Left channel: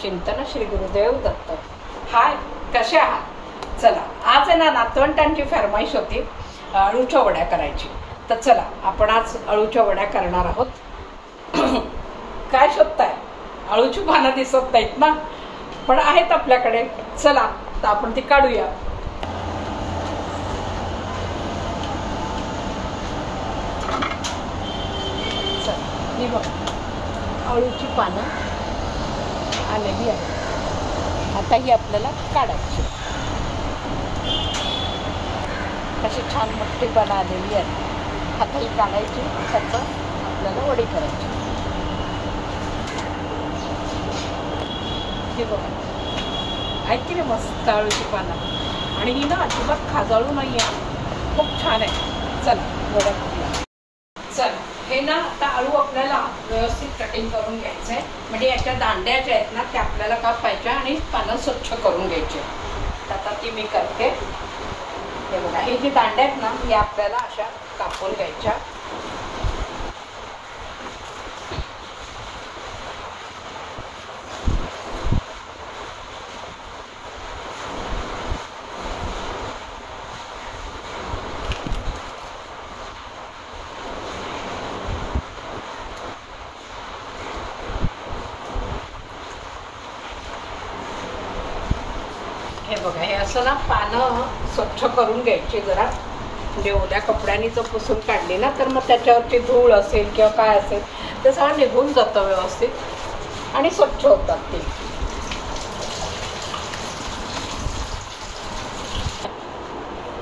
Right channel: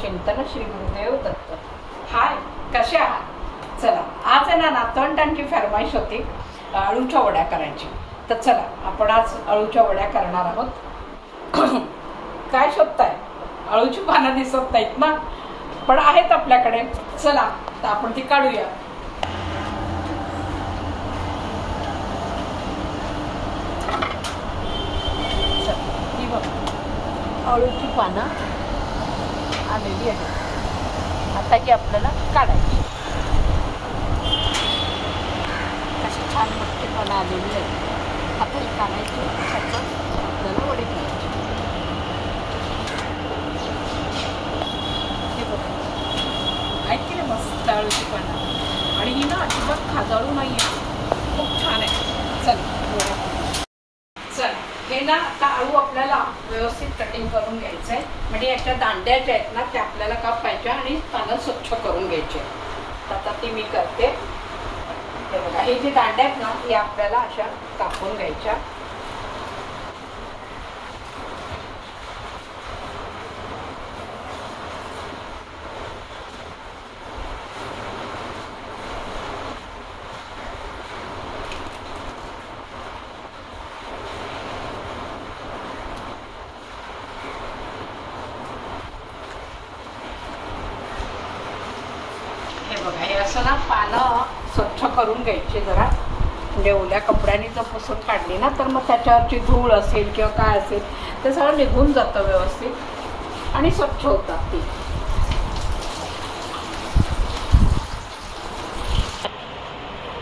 चिंतन श्री गुरुदेव दत्त। हाय, कसे आहात? चला, आज आहे ना नातवंडांची फरमाईश होती अळूच्या वड्या करायची। तर चला आपण आज अळूच्या वड्या करणार आहोत। काय शोधताय? अळूची पानं दिसत नाहीत ना, पण आहेत आपल्याकडे। चला तर आपण ती काढूया। ही बघा, अळूची पानं आलेली आहे। आता ही आपल्याला काढायची। कशी छान मोठी पानं आलेली आहेत। आता ही काढायची, त्याचं आपल्याला वडी करायची। हे बघा, आहेत की नाही मस्त अळूची पानं, आणि ही ना अजिबात खाजाळू नाही आहे, खूप छान आहे। चला वड्या टाकूया। चला, हे ना आता अळू आपल्याला व्यवस्थित कटिंग करून घ्यायचं आहे। म्हणजे याच्या दांड्या ज्या आहेत ना त्या आपल्याला कापायच्या आणि पानं स्वच्छ करून घ्यायचे। आता ती मी करते। हे बघा, हे जे दांड्या आहेत ना या आपल्याला अशा कापून घ्यायच्या। हे बघा, हे असं ना पानं स्वच्छ करून घ्यायची जरा। म्हणजे ओल्या कपड्याने जर पुसून काढली ना तर मग त्याच्यावरची धूळ असेल किंवा काय असेल ते सगळं निघून जातं व्यवस्थित आणि स्वच्छ होतात ते।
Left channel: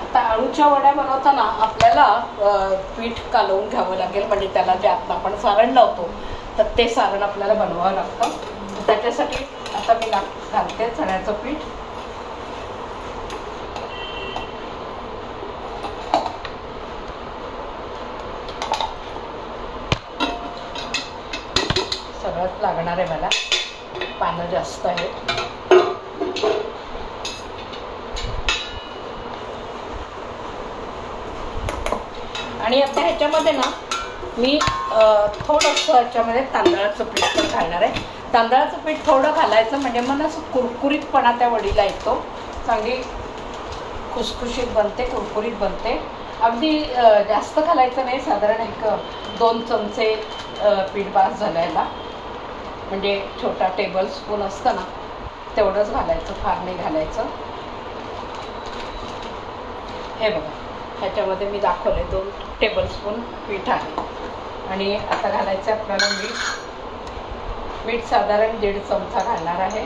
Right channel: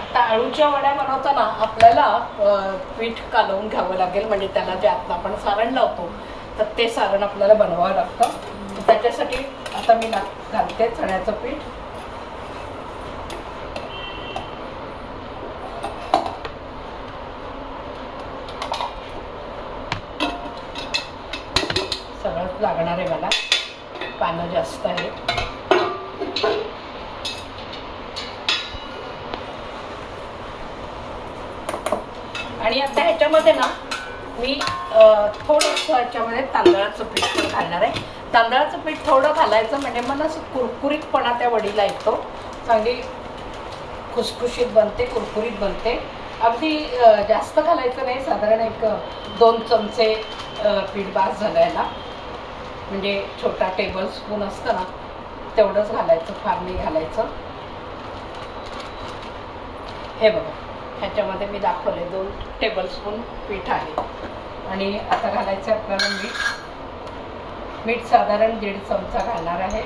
आता अळूच्या वड्या बनवताना आपल्याला पीठ कालवून घ्यावं लागेल। म्हणजे त्याला जे आता आपण सारण लावतो तर ते सारण आपल्याला बनवावं लागतं। त्याच्यासाठी आता मी घालते चण्याचं पीठ। सगळंच लागणार आहे मला, पानं जास्त आहे। आणि आता ह्याच्यामध्ये ना मी थोडंसं ह्याच्यामध्ये तांदळाचं पीठ पण घालणार आहे। तांदळाचं पीठ थोडं घालायचं म्हणजे मला असं कुरकुरीतपणा त्या वडीला येतो, चांगली खुसखुशीत बनते, कुरकुरीत बनते। अगदी जास्त घालायचं नाही, साधारण 1-2 चमचे पीठ बास झालायला। म्हणजे छोटा टेबल स्पून असतं ना तेवढंच घालायचं, फार नाही घालायचं। हे बघा, ह्याच्यामध्ये मी दाखवले 2 टेबलस्पून पीठ आहे। आणि आता घालायचं आपल्याला मीठ साधारण 1.5 चमचा घालणार आहे।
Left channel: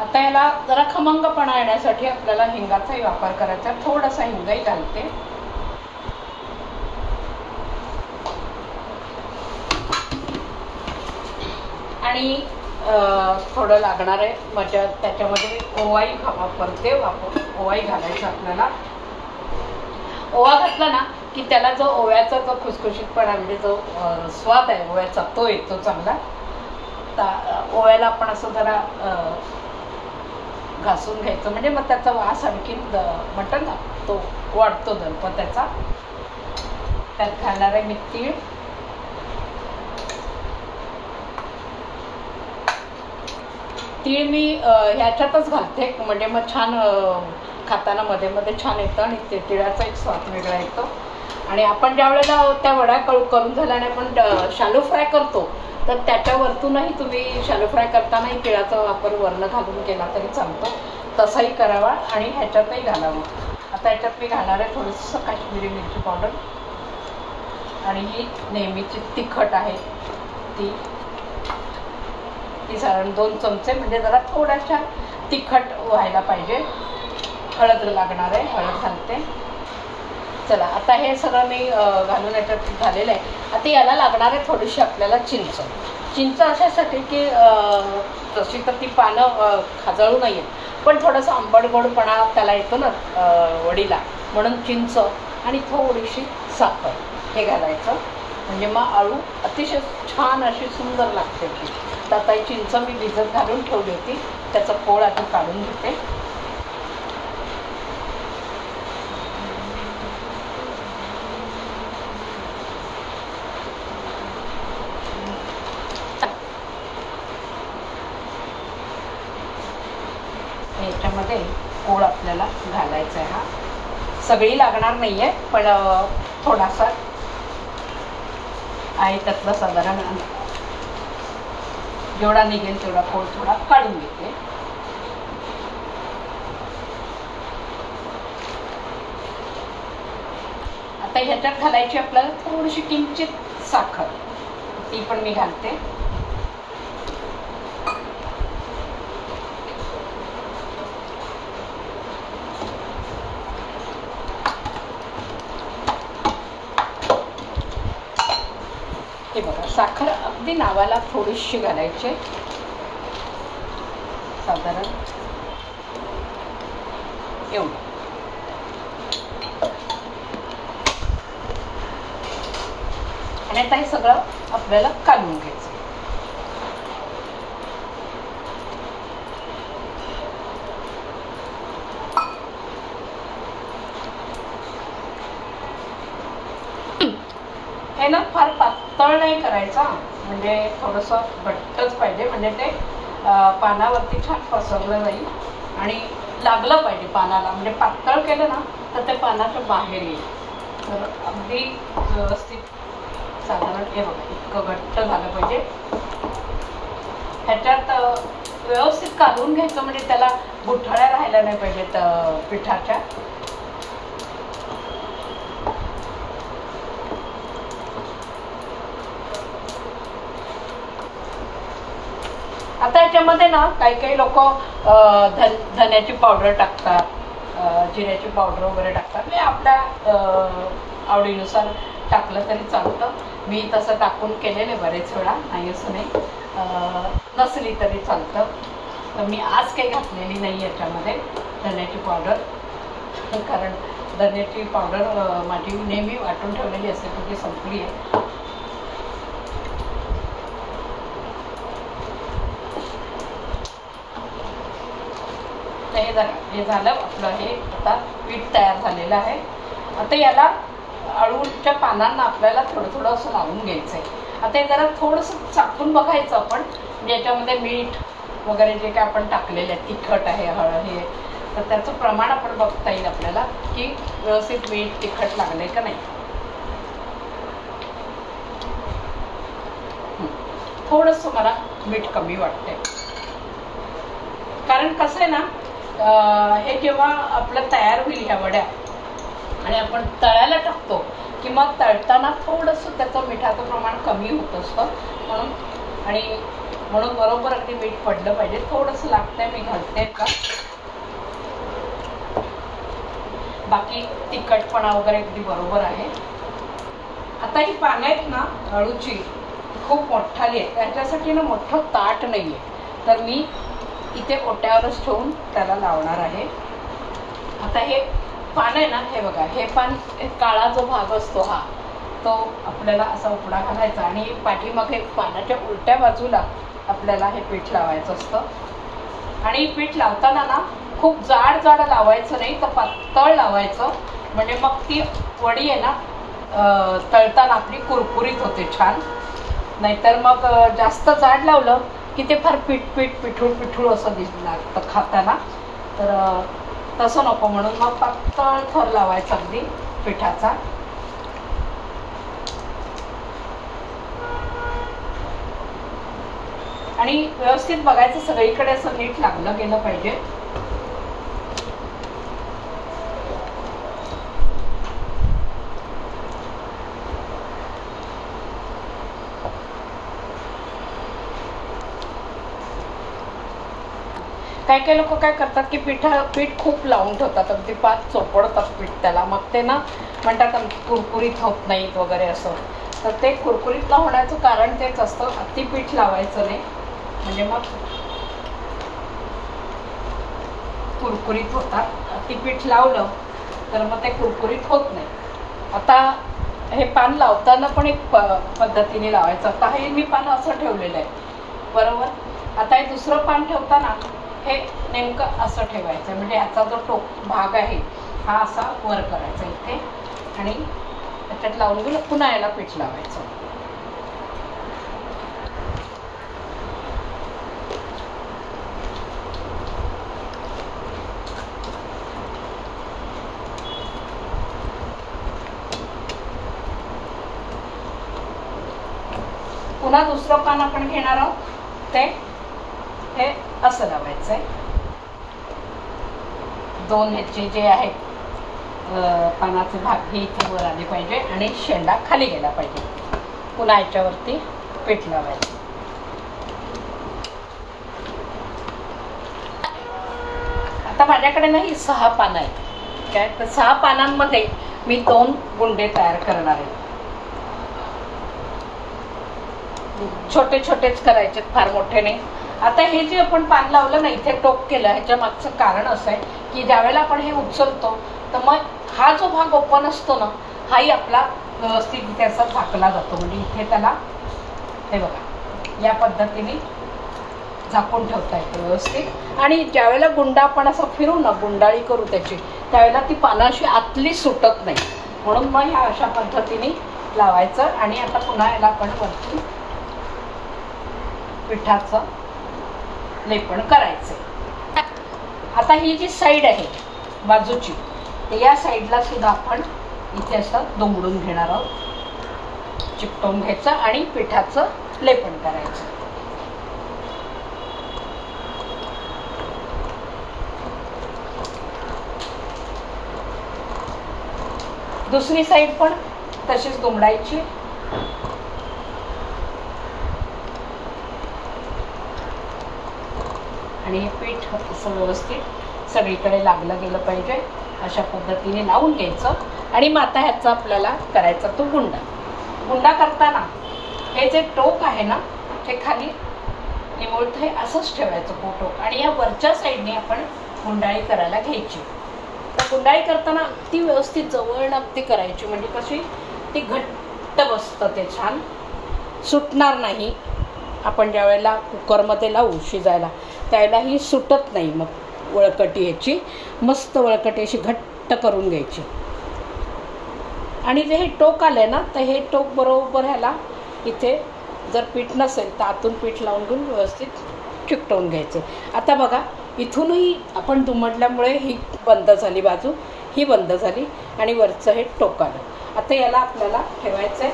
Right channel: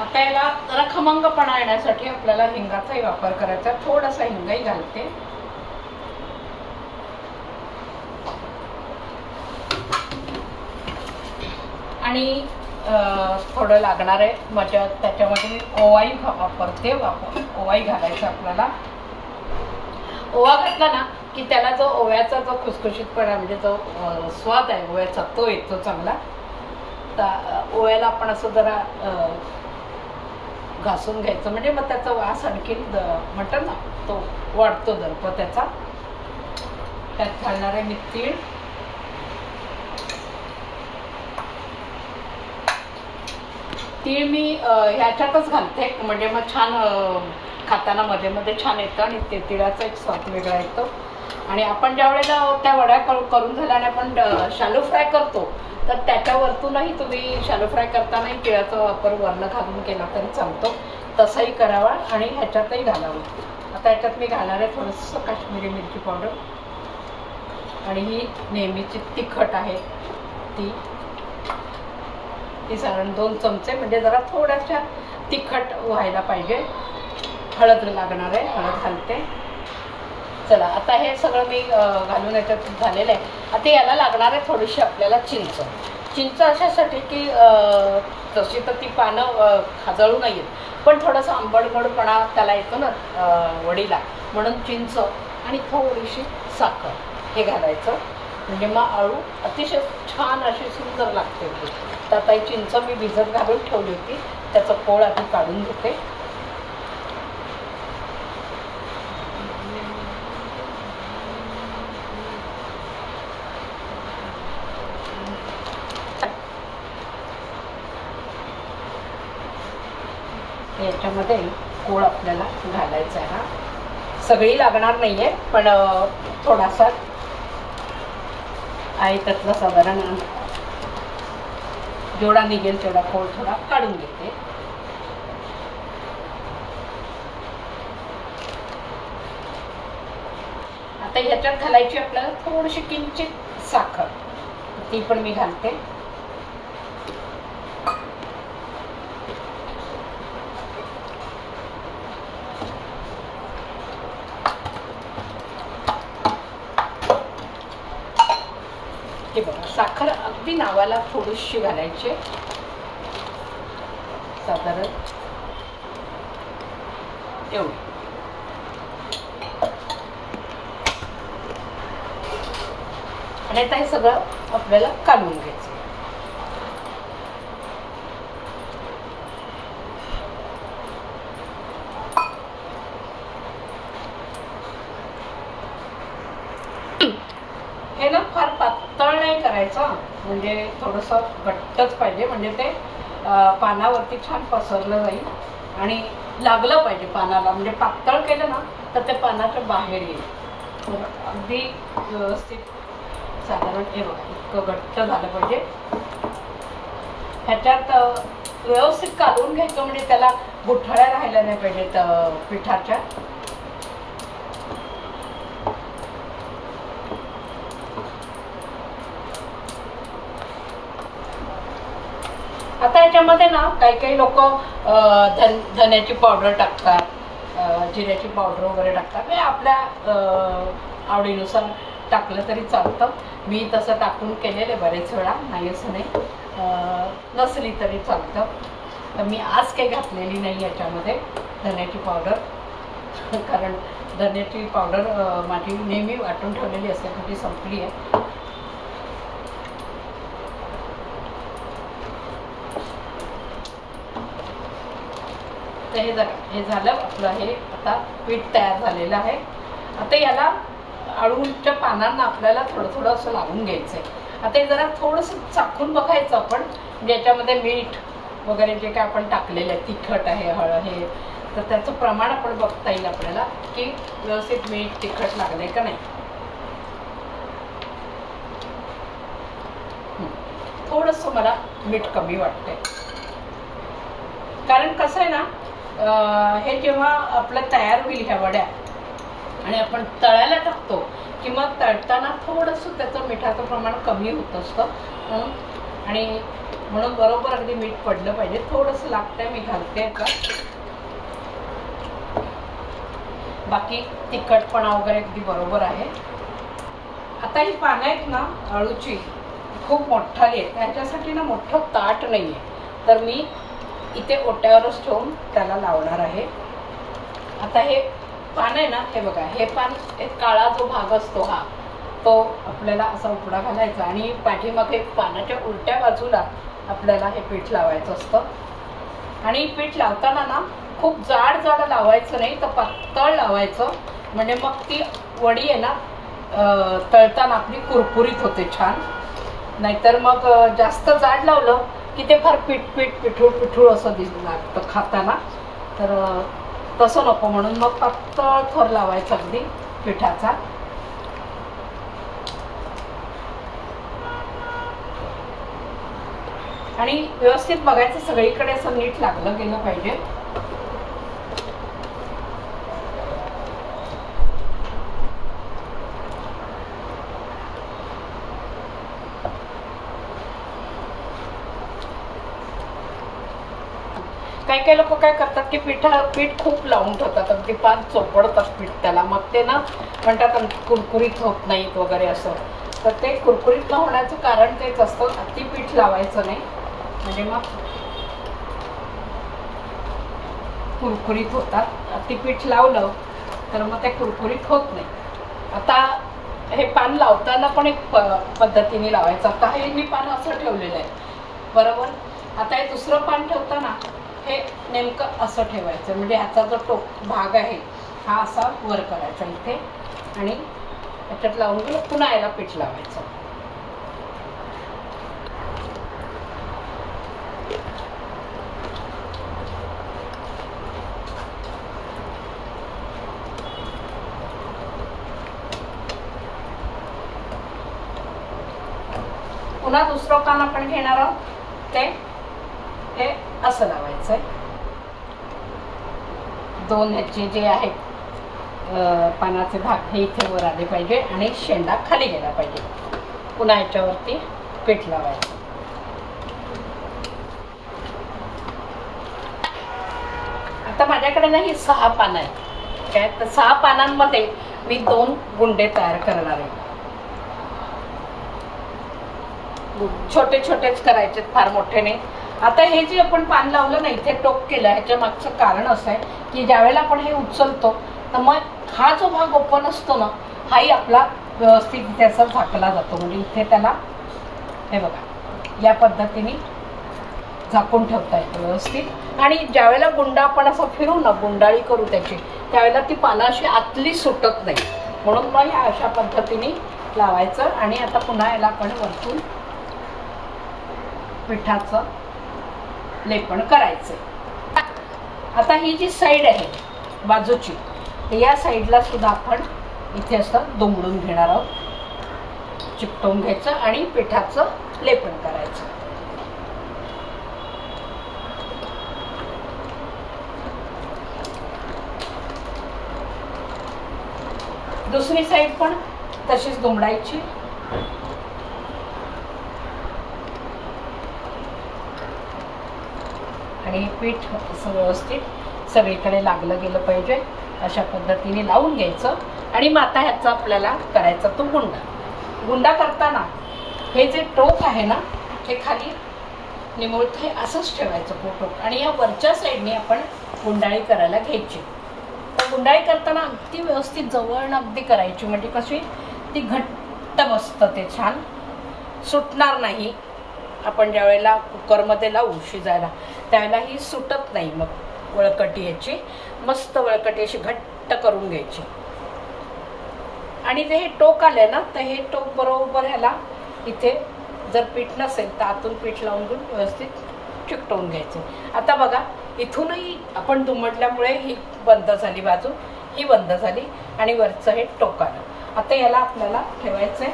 आता याला जरा खमंगपणा येण्यासाठी आपल्याला हिंगाचाही वापर करायचा। थोडासा हिंगही घालते। आणि थोडं लागणार आहे माझ्या त्याच्यामध्ये ओवाही वापरते। ओवाही घालायचा आपल्याला। ओवा घातला ना की त्याला जो ओव्याचा जो खुसखुशीतपणा म्हणजे जो स्वाद आहे ओव्याचा तो येतो चांगला। तर ओव्याला आपण असं जरा घासून घ्यायचं म्हणजे मग त्याचा वास आणखी म्हणतात ना तो वाढतो दर्प त्याचा। त्यात घालणार आहे मी तीळ। तीळ मी ह्याच्यातच घालते म्हणजे मग छान खाताना मध्ये मध्ये छान येतं आणि ते तिळाचा एक स्वाद वेगळा येतो। आणि आपण ज्या वेळेला त्या वड्या करून झाल्याने आपण शालो फ्राय करतो तर त्याच्यावरतूनही तुम्ही शालो फ्राय करतानाही तिळाचा वापर वरनं घालून केला तरी चालतो, तसाही करावा आणि ह्याच्यातही घालावं। आता ह्याच्यात मी घालणार आहे थोडंसं काश्मीरी मिरची पावडर। आणि ही नेहमीची तिखट आहे ती साधारण 2 चमचे, म्हणजे जरा थोड्याशा तिखट व्हायला पाहिजे। हळद लागणार आहे, हळद घालते। चला, आता हे सगळं मी घालून याच्यात झालेलं आहे। आता याला लागणार आहे थोडीशी आपल्याला चिंच अशासाठी की तशी तर ती पानं खाजळू नये पण थोडासा आंबट गोडपणा त्याला येतो ना वडीला, म्हणून चिंच आणि थोडीशी साखर हे घालायचं। म्हणजे मग अळू अतिशय छान अशी सुंदर लागते। तर आता ही चिंच मी भिजत घालून ठेवली होती, त्याचा कोळ आधी काढून घेते। याच्यामध्ये गोळ आपल्याला घालायचा आहे. हा सगळी लागणार नाही आहे, पण थोडासा आहे त्यातलं साधारण जेवढा निघेल तेवढा गोळ थोडा काढून घेते. आता ह्याच्यात घालायची आपल्याला थोडीशी किंचित साखर, ती पण मी घालते. हे बघा, साखर अगदी नावाला थोडीशी घालायची, साधारण एवढी. आणि आता हे सगळं आपल्याला काढून घ्यायचं. हे ना फार पातळ नाही करायचं, म्हणजे थोडंसं घट्टच पाहिजे, म्हणजे ते पानावरती छान पसरलं जाईल आणि लागलं पाहिजे पानाला. म्हणजे पातळ केलं ना तर ते पानाच्या बाहेर येईल. तर अगदी व्यवस्थित साधारण हे बघ इतकं घट्ट झालं पाहिजे. ह्याच्यात व्यवस्थित काढून घ्यायचं, म्हणजे त्याला गुठळ्या राहायला नाही पाहिजेत पिठाच्या. आता याच्यामध्ये ना काही लोक धन्याची पावडर टाकतात, जिऱ्याची पावडर वगैरे टाकतात. म्हणजे आपल्या आवडीनुसार टाकलं तरी चालतं. मी तसं टाकून केलेले बरेच वेळा, नाही असं नाही, नसली तरी चालतं. तर मी आज काही घातलेली नाही याच्यामध्ये धन्याची पावडर, कारण धन्याची पावडर माझी नेहमी वाटून ठेवलेली असते, ती संपली आहे. तर हे झालं आपलं. हे आता पीठ तयार झालेलं आहे. आता याला अळूच्या पानांना आपल्याला थोडं थोडं असं लावून घ्यायचं आहे. आता हे जरा थोडंसं चाखून बघायचं आपण, ज्याच्यामध्ये मीठ वगैरे जे काय आपण टाकलेलं आहे, तिखट आहे, हळद हे, तर त्याचं प्रमाण आपण बघता येईल आपल्याला की व्यवस्थित मीठ तिखट लागलंय का नाही. थोडंसं मला मीठ कमी वाटतंय, कारण कसं आहे ना, हे जेव्हा आपलं तयार होईल ह्या वड्या आणि आपण तळायला टाकतो की मग तळताना थोडंसं त्याचं मिठाचं प्रमाण कमी होत असतं, म्हणून बरोबर अगदी मीठ पडलं पाहिजे. थोडंसं लागतंय, मी घालते का. बाकी तिखटपणा वगैरे अगदी बरोबर आहे. आता ही पानं आहेत ना अळूची, खूप मोठाली आहे, त्याच्यासाठी ना मोठं ताट नाही आहे, तर मी इथे ओट्यावरच ठेवून त्याला लावणार आहे. आता हे पान आहे ना, हे बघा, हे पान काळा जो भाग असतो हा, तो आपल्याला असा उकडा घालायचा आणि पाठीमागे पानाच्या उलट्या बाजूला आपल्याला हे पीठ लावायचं असतं. आणि पीठ लावताना ना खूप जाड लावायचं नाही, तर पातळ लावायचं, म्हणजे मग ती वडी आहे ना तळताना आपली कुरकुरीत होते छान. नाहीतर मग जास्त जाड लावलं की ते फार पिठूळ असं लागतं खाताना, तर तसं नको. म्हणून मग पातळ थर लावायचा अगदी पिठाचा. आणि व्यवस्थित बघायचं सगळीकडे असं नीट लागलं गेलं पाहिजे. काही लोक काय करतात की पीठ खूप लावून ठेवतात, अगदी पाच चोपडतात पीठ त्याला, मग ते ना म्हणतात कुरकुरीत होत नाहीत वगैरे असं. तर ते कुरकुरीत न होण्याचं कारण तेच असतं, अति पीठ लावायचं नाही, म्हणजे मग कुरकुरीत होतात. अति पीठ लावलं तर मग ते कुरकुरीत होत नाही. आता हे पान लावताना पण एक पद्धतीने लावायचं. आता हे मी पान असं ठेवलेलं आहे बरोबर. आता हे दुसरं पान ठेवताना हे नेमकं असं ठेवायचं, म्हणजे ह्याचा जो भाग आहे हा असा वर करायचा इथे, आणि त्याच्यात लावून घेऊन पुन्हा याला पीठ लावायचं. पुन्हा दुसरं पान आपण घेणार आहोत, ते असं लावायचं आहे. दोन ह्याचे जे आहेत पानाचे भाग हे इथे वर आले पाहिजे आणि शेंडा खाली गेला पाहिजे. पुन्हा याच्यावरती पीठ लावायचं. आता माझ्याकडे ना ही 6 पानं आहेत काय, तर 6 पानांमध्ये मी 2 गुंडे तयार करणार आहे. छोटे छोटेच करायचे, फार मोठे नाही. आता हे जे आपण पान लावलं ना, इथे टोक केलं, ह्याच्या मागचं कारण असं आहे की ज्यावेळेला आपण हे उचलतो तर मग हा जो भाग ओपन असतो ना, हाही आपला व्यवस्थित इथे असा झाकला जातो. म्हणजे इथे त्याला हे बघा या पद्धतीने झाकून ठेवता येतं व्यवस्थित. आणि ज्यावेळेला गुंडा आपण असं फिरू ना, गुंडाळी करू त्याची, त्यावेळेला ती पानं अशी आतली सुटत नाही. म्हणून मग ह्या अशा पद्धतीने लावायचं. आणि आता पुन्हा याला आपण वरतून पिठाचं लेपण करायचं. आता ही जी साईड आहे बाजूची, या साईडला सुद्धा आपण इथे असं दुमडून घेणार आहोत, चिकटवून घ्यायचं आणि पिठाचं लेपण करायचं. दुसरी साईड पण तशीच दुमडायची. आणि हे पीठ असं व्यवस्थित सगळीकडे लागलं गेलं पाहिजे, अशा पद्धतीने लावून घ्यायचं. आणि मग आता ह्याचा आपल्याला करायचा तो गुंडा. गुंडा करताना हे जे टोक आहे ना, ते खाली निमुळत हे असंच ठेवायचं टोक. आणि या वरच्या साईडने आपण गुंडाळी करायला घ्यायची. तर गुंडाळी करताना अगदी व्यवस्थित जवळ अगदी करायची, म्हणजे कशी ती घट्ट बसतं, ते छान सुटणार नाही. आपण ज्या वेळेला कुकरमध्ये लावू शिजायला त्यावेळेला ही सुटत नाही. मग वळकटी ह्याची मस्त वळकटी अशी घट्ट करून घ्यायची. आणि जे हे टोक आलंय ना, तर हे टोक बरोबर ह्याला इथे जर पीठ नसेल तर आतून पीठ लावून घेऊन व्यवस्थित चिकटवून घ्यायचे. आता बघा इथूनही आपण दुमडल्यामुळे ही बंद झाली बाजू, ही बंद झाली आणि वरचं हे टोक आलं. आता याला आपल्याला ठेवायचं आहे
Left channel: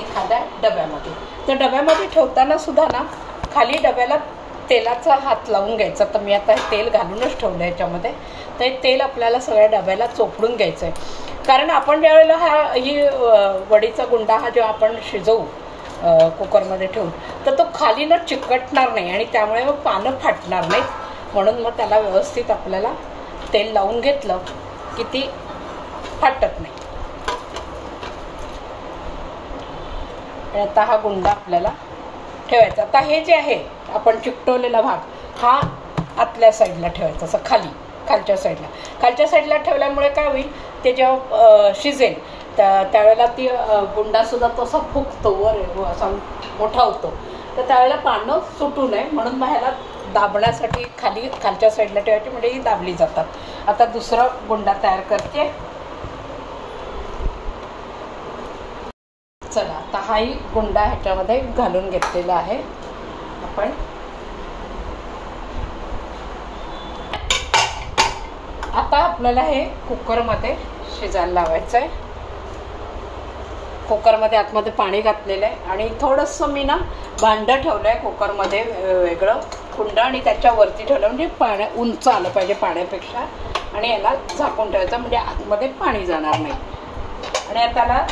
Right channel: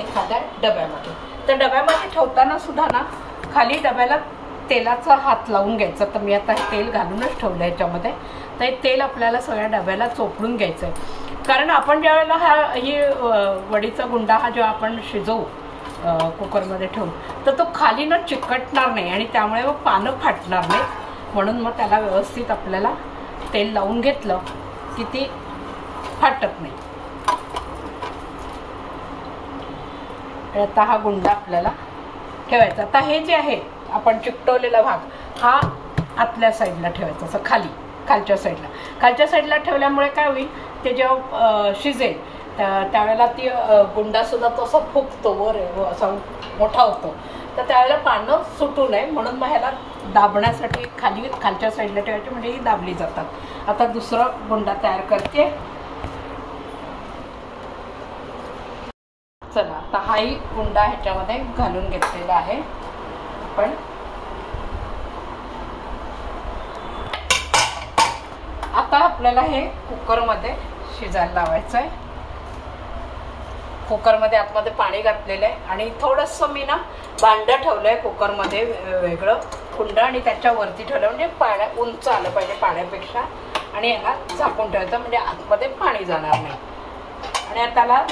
एखाद्या डब्यामध्ये. तर डब्यामध्ये ठेवताना सुद्धा ना, खाली डब्याला तेलाचा हात लावून घ्यायचा. तर मी आता तेल घालूनच ठेवलं याच्यामध्ये. तर हे तेल आपल्याला सगळ्या डब्याला चोपडून घ्यायचं आहे. कारण आपण ज्या वेळेला ही वडीचा गुंडा हा जेव्हा आपण शिजवू कुकरमध्ये ठेवून, तर तो खाली ना चिकटणार नाही आणि त्यामुळे मग पानं फाटणार नाहीत. म्हणून मग त्याला व्यवस्थित आपल्याला तेल लावून घेतलं की ती फाटत नाही. आता हा गुंडा आपल्याला ठेवायचा. आता हे जे आहे आपण चिकटवलेला भाग हा आतल्या साईडला ठेवायचा, असं खालच्या साईडला ठेवल्यामुळे काय होईल, ते जेव्हा शिजेल त्यावेळेला ती गुंडासुद्धा तो असा फुगतो, वर असा मोठा होतो. तर त्यावेळेला पानं सुटू नये म्हणून मग ह्याला दाबण्यासाठी खालच्या साईडला ठेवायची, म्हणजे ही दाबली जातात. आता दुसरा गुंडा तयार करते. चला आता हाही गुंडा ह्याच्यामध्ये घालून घेतलेला आहे आपण. आता आपल्याला हे कुकरमध्ये शिजायला लावायचं आहे. कुकरमध्ये आतमध्ये पाणी घातलेलं आहे आणि थोडंसं मी ना भांडं ठेवलं आहे कुकरमध्ये वेगळं कुंड, आणि त्याच्यावरती ठेवलं म्हणजे उंच आलं पाहिजे पाण्यापेक्षा. आणि याला झाकून ठेवायचं म्हणजे आतमध्ये पाणी जाणार नाही. आणि आता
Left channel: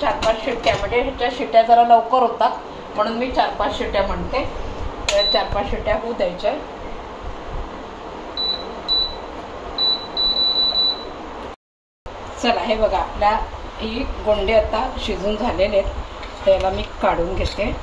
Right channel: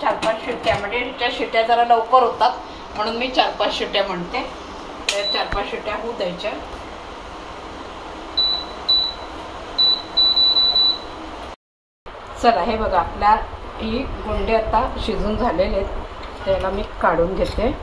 4-5 शिट्ट्या, म्हणजे ह्याच्या शिट्ट्या जरा लवकर होतात म्हणून मी 4-5 शिट्ट्या म्हणते. 4-5 शिट्ट्या होऊ द्यायच्या. चला हे बघा आपल्या ही गोंडे आता शिजून झालेले आहेत. त्याला मी काढून घेते.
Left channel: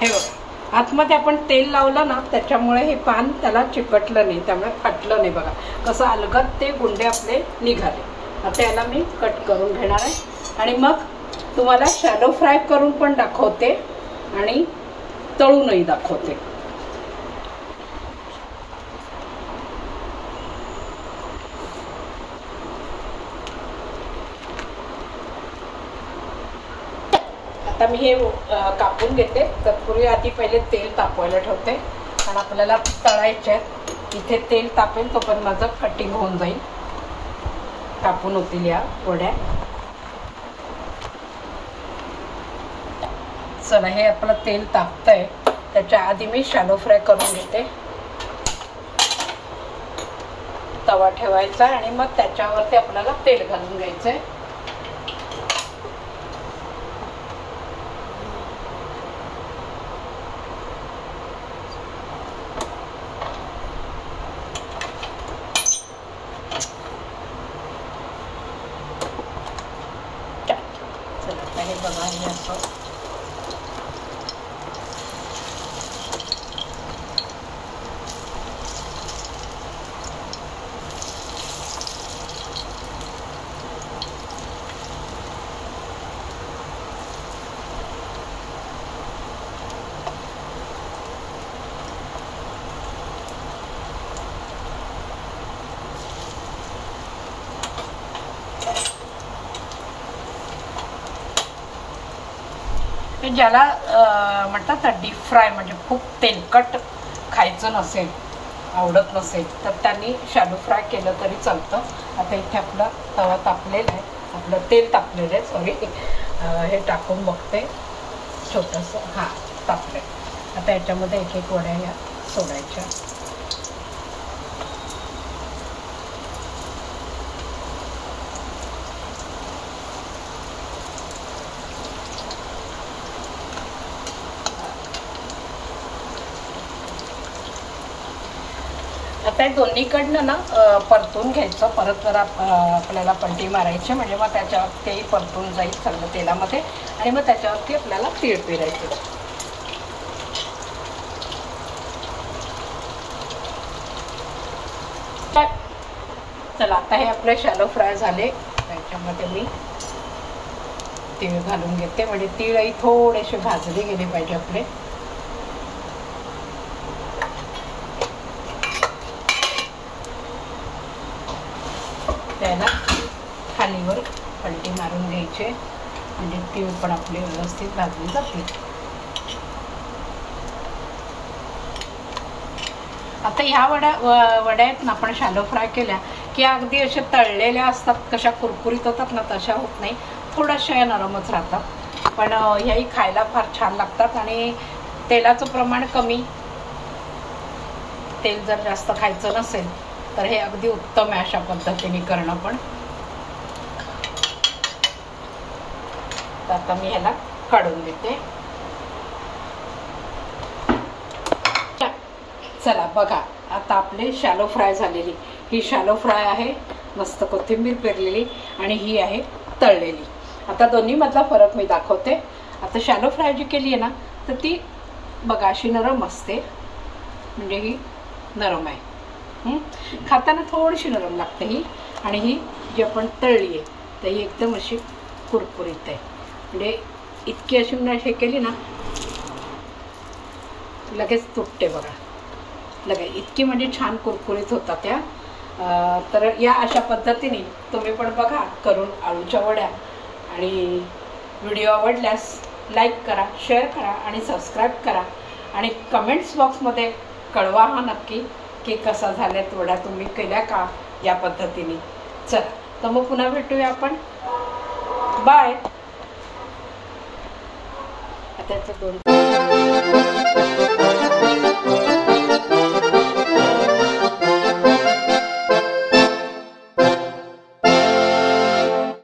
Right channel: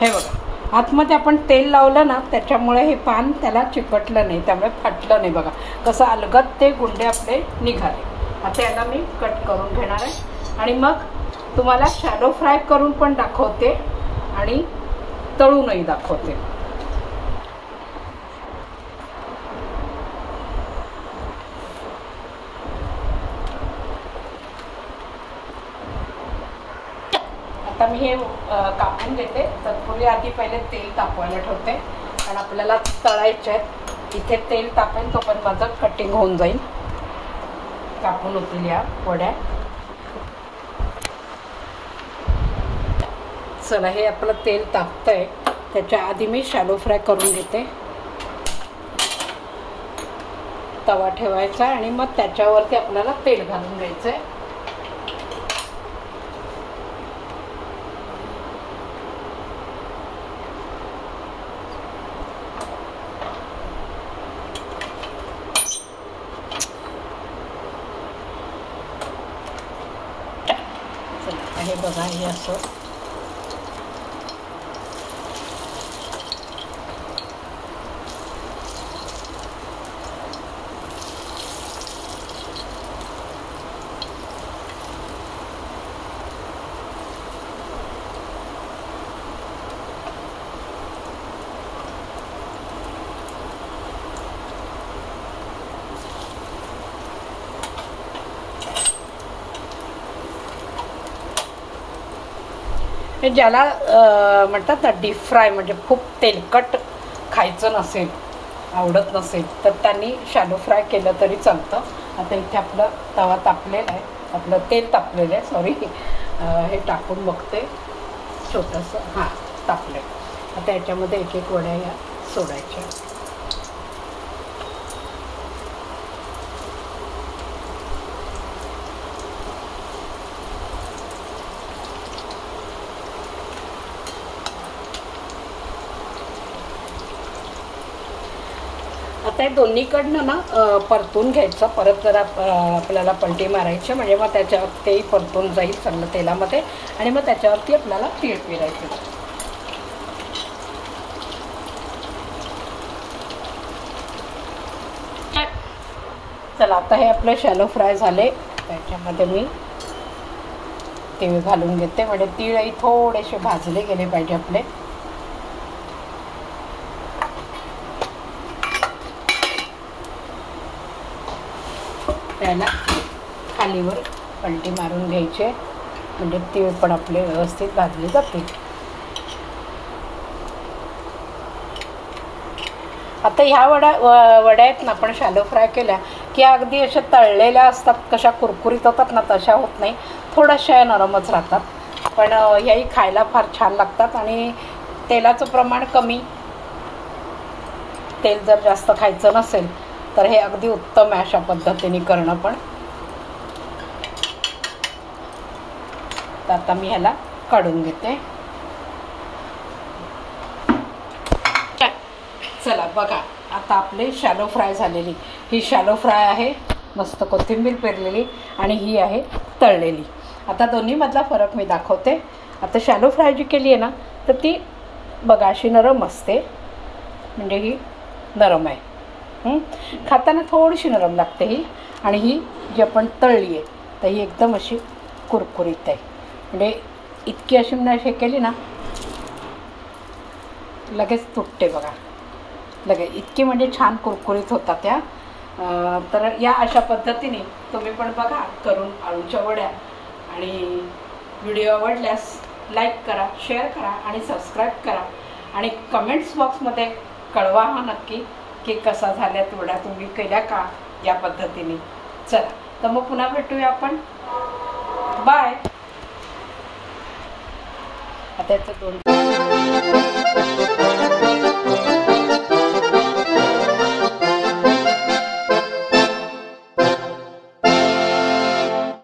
हे बघा आतमध्ये आपण तेल लावलं ना, त्याच्यामुळे हे पान त्याला चिकटलं नाही, त्यामुळे फाटलं नाही. बघा कसं अलगद ते गुंडे आपले निघाले. आता याला मी कट करून घेणार आहे आणि मग तुम्हाला शॅलो फ्राय करून पण दाखवते आणि तळूनही दाखवते. आता आता मी हे कापून घेते. तत्पूर्वी आधी पहिले तेल तापवायला ठेवते, कारण आपल्याला तळायचे आहेत. इथे तेल तापेल तोपर्यंत माझं कटिंग होऊन जाईल, कापून होतील या वड्या. चला, हे आपलं तेल तापतंय, त्याच्या आधी मी शॅलो फ्राय करून घेते. तवा ठेवायचा आणि मग त्याच्यावरती आपल्याला तेल घालून घ्यायचंय. हे बघा, हे असं ज्याला म्हणतात ना डीप फ्राय, म्हणजे खूप तेलकट खायचं नसेल, आवडत नसेल, तर त्यांनी शॅलो फ्राय केलं तरी चालतं. आता इथे आपलं तवा तापलेला आहे, आपलं तेल तापलेलं आहे, सॉरी. हे टाकून बघते छोटंसं. हां, तापले. आता याच्यामध्ये एक एक वड्या या सोडायच्या. आता हे दोन्हीकडनं ना परतून घ्यायचं. परत जरा आपल्याला पलटी मारायची, म्हणजे मग त्याच्यावर तेही परतून जाईल चांगलं तेलामध्ये, आणि मग त्याच्यावरती आपल्याला तीळ पेरायचं. चला, आता हे आपले शॅलो फ्राय झाले. त्याच्यामध्ये मी तीळ घालून घेते, म्हणजे तीळही थोडेसे भाजले गेले पाहिजे आपले. त्याला खालीवर पलटी मारून घ्यायचे, म्हणजे तीळ पण आपले व्यवस्थित भाजले जाते. आता ह्या वड्या आहेत ना, आपण शॅलो फ्राय केल्या की अगदी अशा तळलेल्या असतात, कशा कुरकुरीत होतात ना, तशा होत नाही, थोड्याशा नरमच राहतात. पण ह्याही खायला फार छान लागतात. आणि तेलाचं प्रमाण कमी, तेल जर जास्त खायचं नसेल तर हे अगदी उत्तम आहे अशा पद्धतीने करणं पण. आता मी ह्याला काढून घेते. चला बघा, आता आपले शॅलो फ्राय झालेली, ही शॅलो फ्राय आहे, मस्त कोथिंबीर पेरलेली, आणि ही आहे तळलेली. आता दोन्हीमधला फरक मी दाखवते. आता शॅलो फ्राय जी केली आहे ना, तर ती बघा अशी नरम असते, म्हणजे ही नरम आहे. खाताना थोडीशी नरम लागते ही. आणि ही जी आपण तळली आहे तर ही एकदम अशी कुरकुरीत आहे, म्हणजे इतकी अशी हे केली ना लगेच तुटते बघा, लगेच इतकी म्हणजे छान कुरकुरीत होतात त्या. तर या अशा पद्धतीने तुम्ही पण बघा करून आळूच्या वड्या. आणि व्हिडिओ आवडल्यास लाईक करा, शेअर करा आणि सबस्क्राईब करा. आणि कमेंट्स बॉक्समध्ये कळवा हा नक्की की कसा झाल्यात वड्या, तुम्ही केल्या का या पद्धतीने. चला, तर मग पुन्हा भेटूया आपण. बाय. आता ती दोन